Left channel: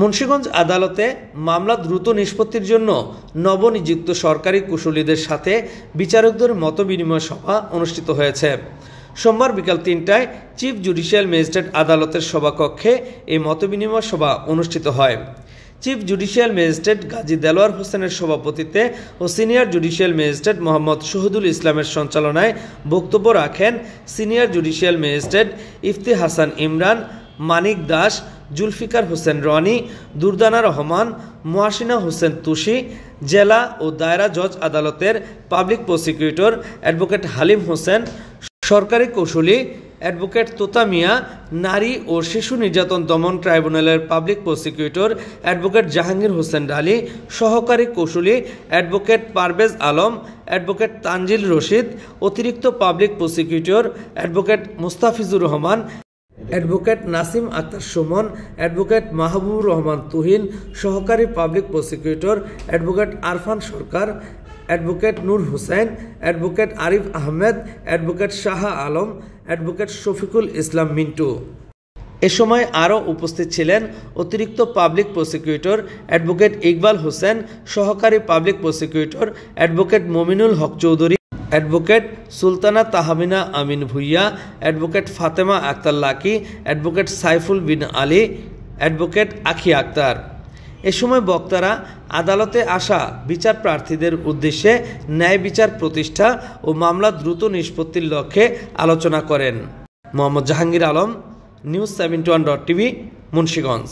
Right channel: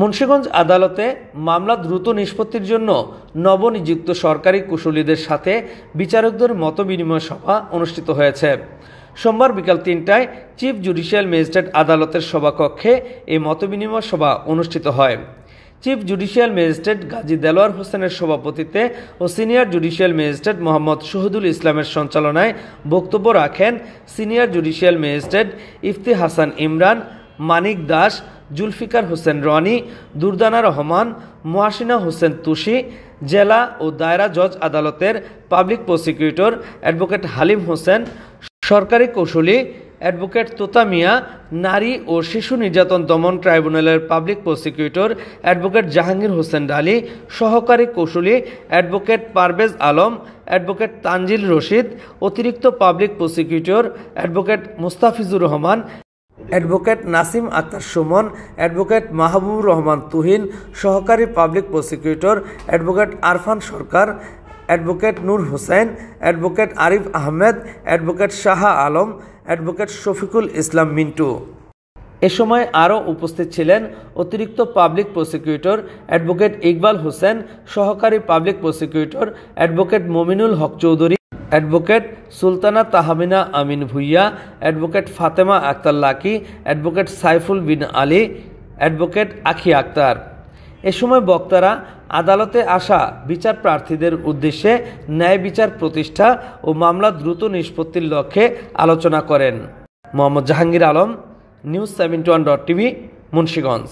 মুন্সিগঞ্জ আদালতে মামলা দ্রুত নিষ্পত্তির জন্য নবনিযুক্ত সরকারি কুশলীদের সাথে বিচারকদের মতবিনিময় সভা অনুষ্ঠিত হয়েছে। সোমবার বিকাল ৩টায় চিফ জুডিশিয়াল ম্যাজিস্ট্রেট আদালতের সভাকক্ষে এই মতবিনিময় সভা অনুষ্ঠিত হয়। Chief judicial magistrate Gazi Delwar হোসেনের সভাপতিত্বে ও senior judicial magistrate Mohammad Shahidul ইসলামের সঞ্চালনায় বক্তব্য রাখেন senior judicial magistrate Ifti Hasan Imran, Manik Das, Zulfikar Hossain Roni, Durdana Rahman, Muhasina Hossain Tushi, জেলা ও দায়রা জজ আদালতের public prosecutor advocate Halim Hossain, সরকারি কৌশলী অ্যাডভোকেট তোতা মিয়া, নারী ও শিশু নির্যাতন দমন ট্রাইব্যুনালের public prosecutor advocate Jahangir Hossain Dali, সহকারী কৌশলী অ্যাডভোকেট পারভেজ আলম, অ্যাডভোকেট তানজিল রশিদ, অতিরিক্ত public prosecutor advocate Mustafizur Rahman, advocate Nasim Akter Sumon, advocate Mahbubur Rahman Tuhin, সহকারী public prosecutor advocate Arfan Sarkar, advocate Nur Hossain, advocate Arif Ahmed, advocate Shah Alam, advocate Shafiqul Islam Mintu. এ সময় আরও উপস্থিত ছিলেন অতিরিক্ত public prosecutor advocate Iqbal Hossain, সহকারী public prosecutor advocate Mominul Haque Chowdhury, advocate Sultana Tahmina Amin Bhuiyan, advocate Fatema Akter Lucky, advocate Saiful bin Ali, advocate Akhi Akter. এ সময় বক্তারা আদালতে আসা বিচার প্রার্থীদের উদ্দেশ্যে ন্যায় বিচার প্রতিষ্ঠা ও মামলা দ্রুত নিষ্পত্তির লক্ষ্যে আলোচনা করেন। Mohammad Jahangir Alam, news 71.tv, Munshiganj.